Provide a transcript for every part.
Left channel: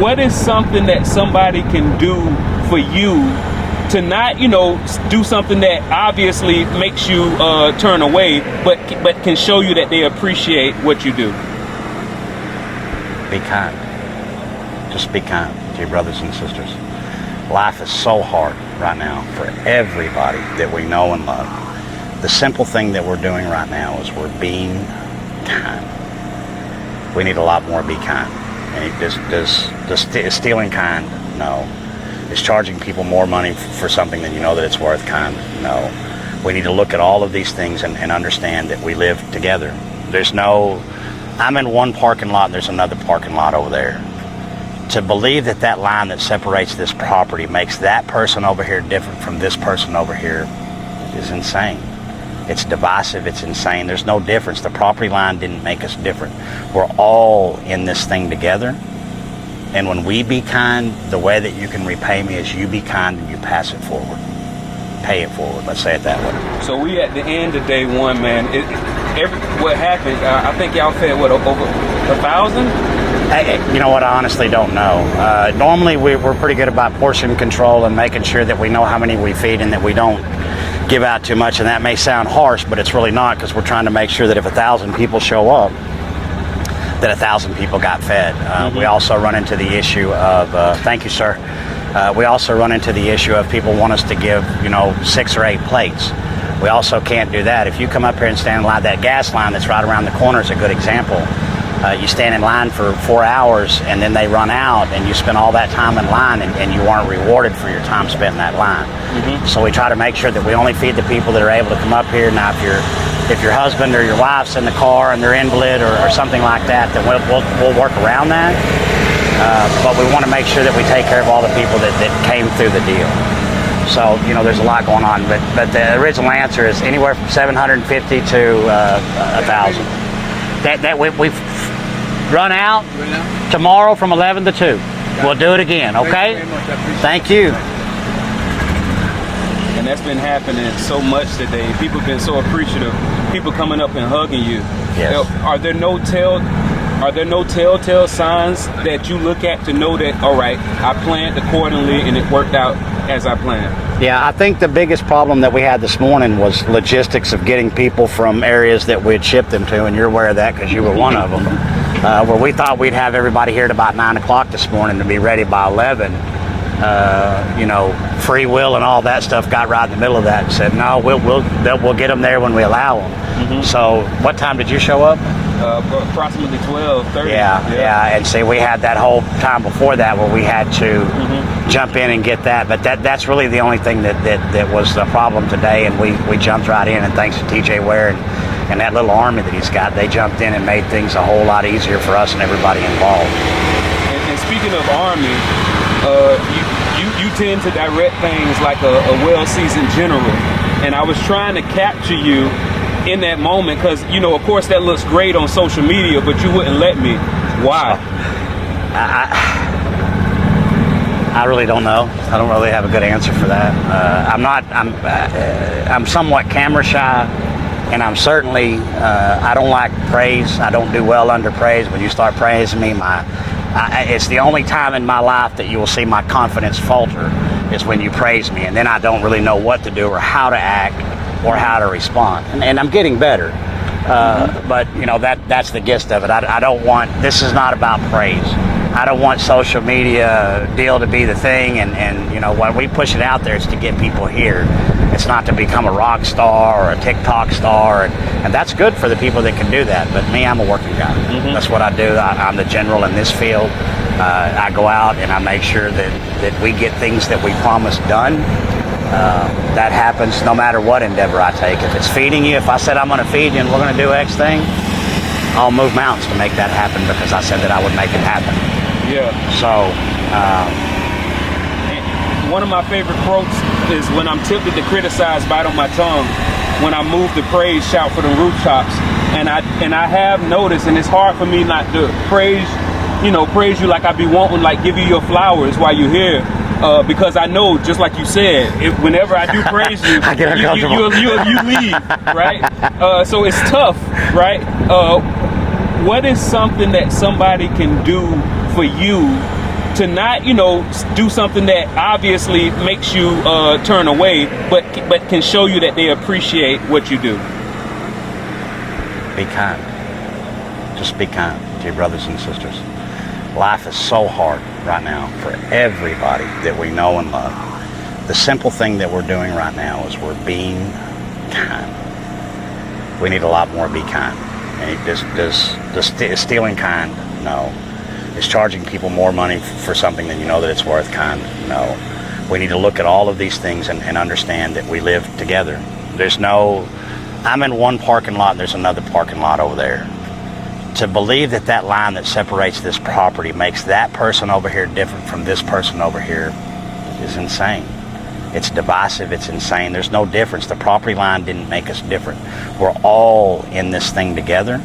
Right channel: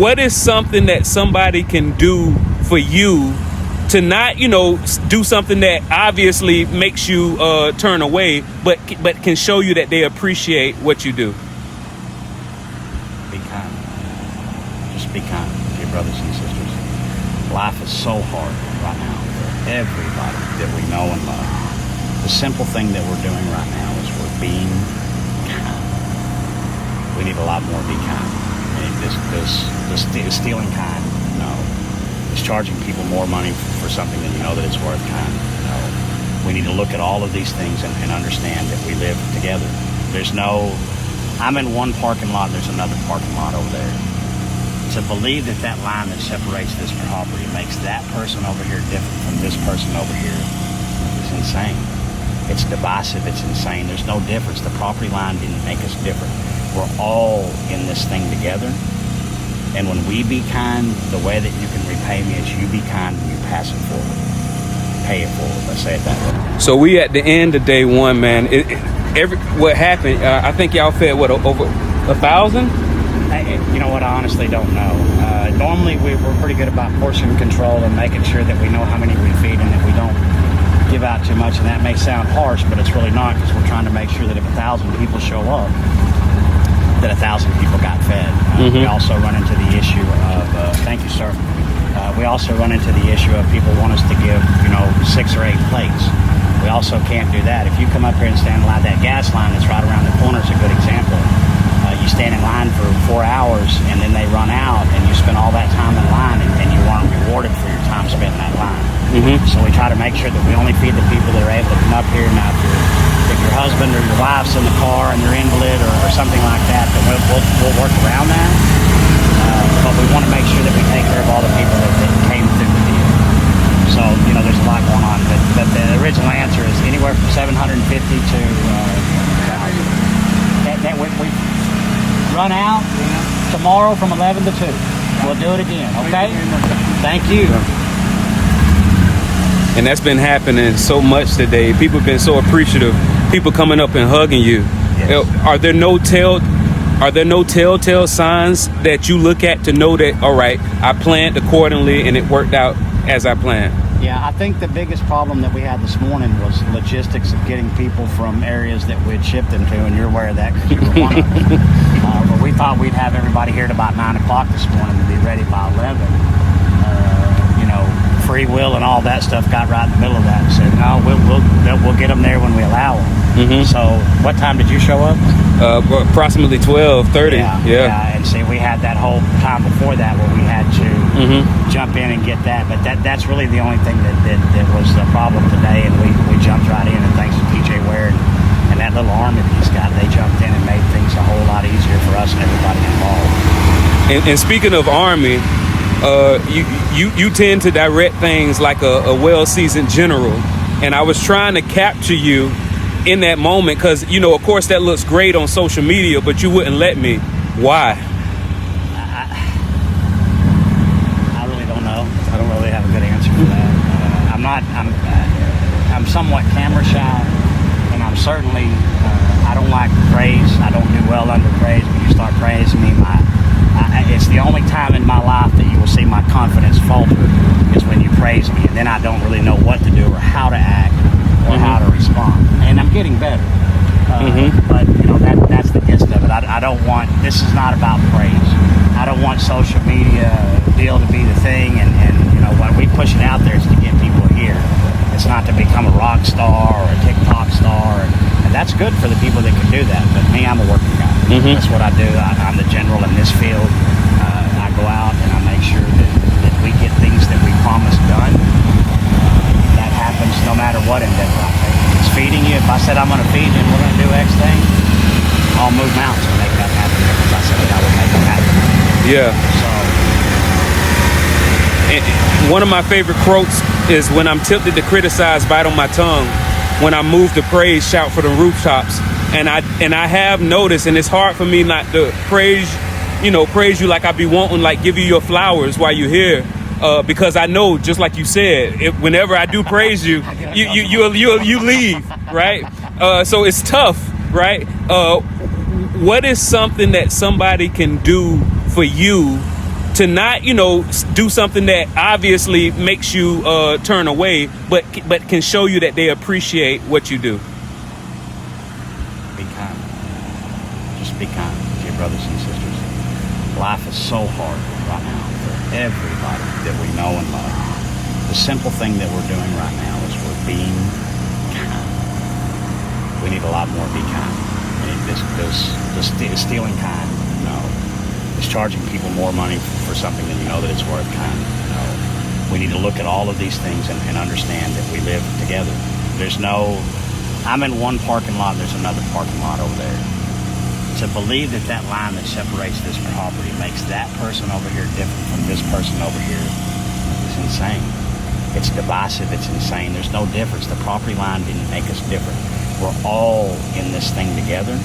what is something that somebody can do for you to not, do something that obviously makes you turn away, but can show you that they appreciate what you do? Be kind. Just be kind to your brothers and sisters. Life is so hard right now for everybody that we know and love. The simple thing that we're doing right now is we're being kind. We need a lot more be kind. Does stealing kind? No. Is charging people more money for something that you know that it's worth kind? No. We need to look at all of these things and understand that we live together. I'm in one parking lot, there's another parking lot over there. To believe that line that separates this property makes that person over here different from this person over here is insane. It's divisive, it's insane. There's no difference. The property line didn't make us different. We're all in this thing together. And when we be kind, the way that you can repay me is you be kind and you pass it forward. Pay it forward, let's say it that way. So we at the end of day one, man. What happened, I think y'all fed, over 1,000? You know what, I honestly don't know. Normally we're pretty good about portion control and making sure that we know how many we feed and that we don't give out too much, and that may sound harsh, but it's really not, because we're trying to make sure that if 1,000 people show up, that 1,000 people got fed. We also run into the issue of, thank you, sir. We also run into the issue of people want us to give, 6 or 8 plates. We also can't do that. If you come up here and stand in line, that gas line that's right around the corner is a good example. You stand in line for 4 hours and then they run out and you spend all that time in line and you weren't rewarded for your time spent in that line. So we try to make sure that we only feed the people that are able to come up here. Now if your husband or your wife's in the car and they're invalid or something like that, then we'll work around that. But we want to make sure that we take care of all the people that came through the deal. So, there's a lot going on, but the original answer is anywhere from 750 to 1,000. We've run out tomorrow from 11 to 2. We'll do it again, okay? Thank you. And that's been happening so much today. People have been so appreciative. People coming up and hugging you. Yes. Are there no telltale signs that you look at to know that, all right, I planned accordingly and it worked out as I planned? Yeah, I think the biggest problem that we had this morning was logistics of getting people from areas that we had shipped them to, and you're aware of that because you were one of them. Where we thought we'd have everybody here at about 9 o'clock this morning to be ready by 11. Free will and all that stuff got right in the middle of that and said, no, we'll get them there when we allow them. So what time did you show up? Approximately 12:30. Yeah. And see, we had that whole time before that where we had to jump in and get that. But that's really the only thing that was the problem today. And we jumped right in. And thanks to TJ Ware and that little army that he's got, they jumped in and made things a whole lot easier for us and everybody involved. And speaking of army, you tend to direct things like a well-seasoned general. And I was trying to capture you in that moment because, of course that looks great on social media, but you wouldn't let me. Why? I really don't know. I don't really have a good answer for that. I'm somewhat camera shy, and I'm certainly, I don't like praise. I don't do well under praise. When you start praising me, it's the only time in my life that you will see my confidence falter is when you praise me, and then I don't really know what to do or how to act or how to respond. And I'm getting better. But that's the gist of it. I don't want, this is not about praise. I don't want social media deal to be the thing, and when we push it out there, it's to get people here. It's not to become a rock star or a TikTok star, and that's good for the people that can do that. But me, I'm a working guy. That's what I do. I'm the general in this field. I go out and I make sure that we get things that we promised done. That happens no matter what endeavor I take. If it's feeding you, if I said I'm going to feed you and we're going to do X thing, I'll move mountains to make that happen because I said that I would make it happen. Yeah. So, one of my favorite quotes is when I'm tempted to criticize, bite on my tongue. When I move to praise, shout for the rooftops. And I have noticed, and it's hard for me not to praise you like I be wanting, like give you your flowers while you're here. Because I know, just like you said, whenever I do praise you, you leave, right? So it's tough, right? What is something that somebody can do for you to not, you know, do something that obviously makes you turn away, but can show you that they appreciate what you do. Be kind. Just be kind to your brothers and sisters. Life is so hard right now for everybody that we know and love. The simple thing that we're doing right now is we're being kind. We need a lot more be kind. I mean, is stealing kind? No. Is charging people more money for something that you know that it's worth kind? No. We need to look at all of these things and understand that we live together. There's no, I'm in one parking lot, there's another parking lot over there. To believe that that line that separates this property makes that person over here different from this person over here is insane. It's divisive, it's insane. There's no difference. The property line didn't make us different. We're all in this thing together.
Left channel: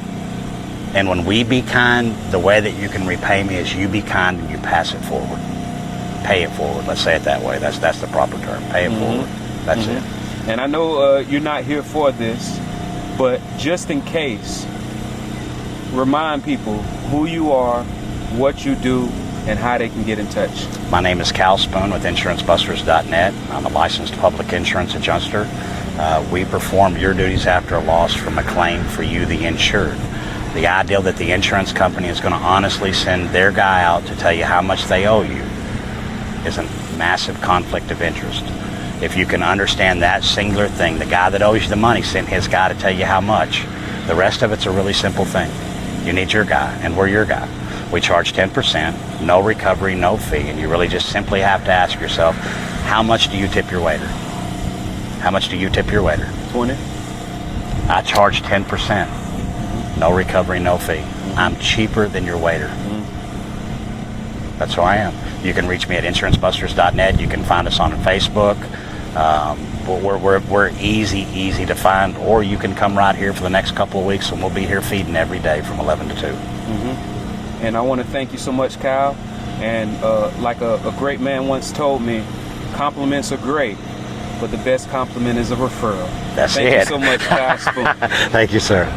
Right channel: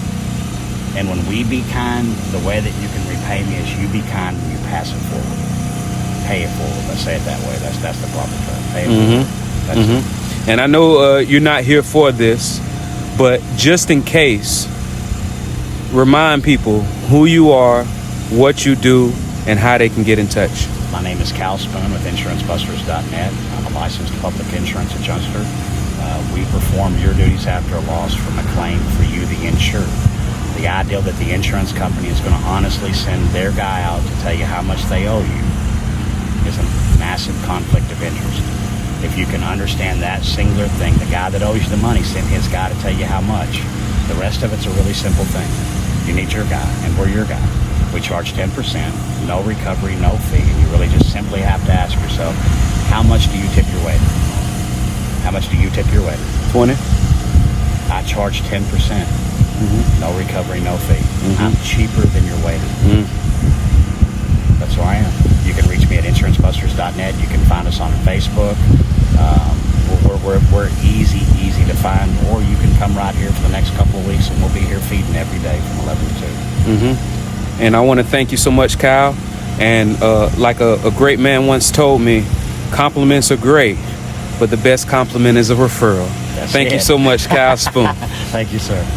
And when we be kind, the way that you can repay me is you be kind and you pass it forward. Pay it forward. Let's say it that way. That's the proper term. Pay it forward. That's it. And I know you're not here for this, but just in case, remind people who you are, what you do, and how they can get in touch. My name is Cal Spoon with insurancebusters.net. I'm a licensed public insurance adjuster. We perform your duties after a loss from a claim for you, the insured. The idea that the insurance company is going to honestly send their guy out to tell you how much they owe you is a massive conflict of interest. If you can understand that singular thing, the guy that owes you the money sent his guy to tell you how much. The rest of it's a really simple thing. You need your guy, and we're your guy. We charge 10%, no recovery, no fee, and you really just simply have to ask yourself, how much do you tip your waiter? How much do you tip your waiter? 20. I charge 10%. No recovery, no fee. I'm cheaper than your waiter. That's who I am. You can reach me at insurancebusters.net. You can find us on Facebook. We're easy to find, or you can come right here for the next couple of weeks, and we'll be here feeding every day from 11 to 2. And I want to thank you so much, Kyle. And like a great man once told me, compliments are great, but the best compliment is a referral. Thank you so much, Kyle Spoon. Thank you, sir.